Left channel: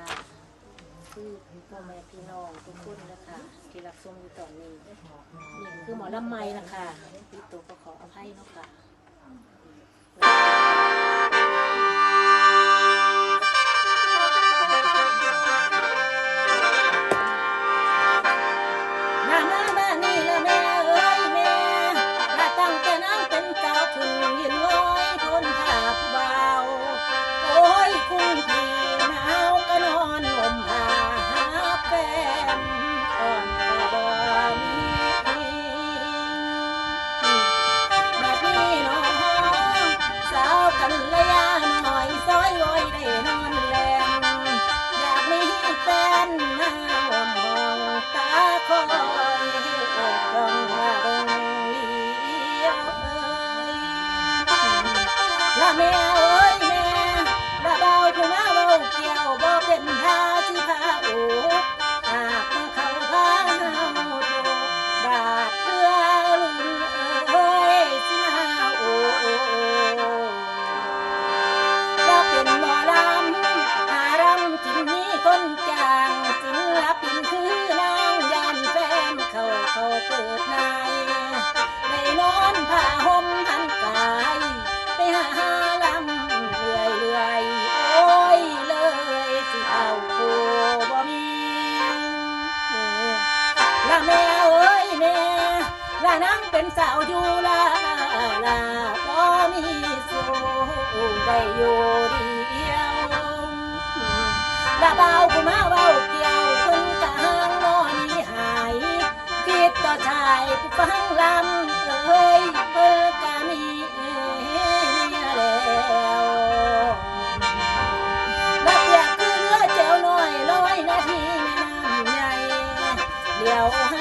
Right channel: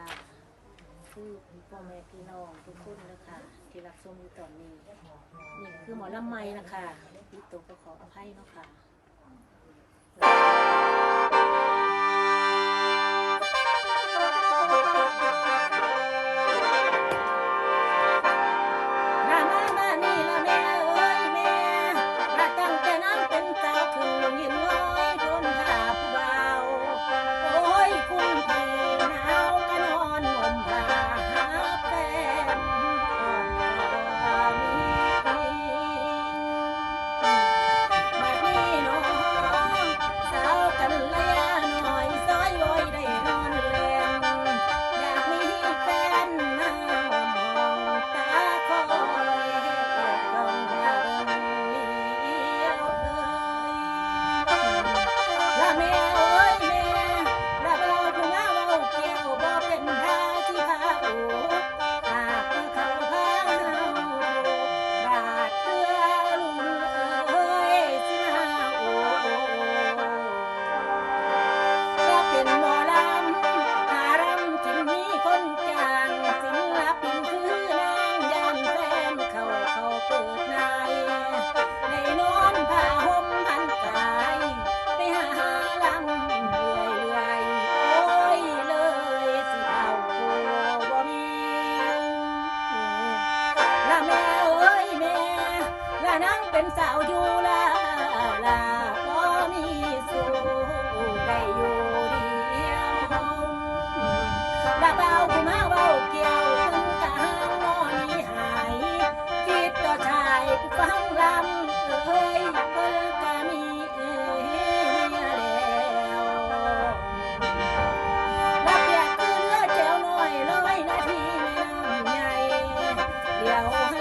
นะคือพ่อแม่พี่น้องทุกคนนะคะ ที่รักชมอยู่ตอนนี้ นี่คือหมอลำไม้นะคะพี่ตัวก็ขออภัยนาะค่ะมามามานี่ละแม่ ละแม่เอ้ยแม่ละนังเป็นสาวอยู่ละละบ่มีสู่ได้อยู่ดีละเบากูมาเบาเกี่ยวเพิ่นกลางนอนีหายคิดต่อชายกูฟังลำเอ้ 了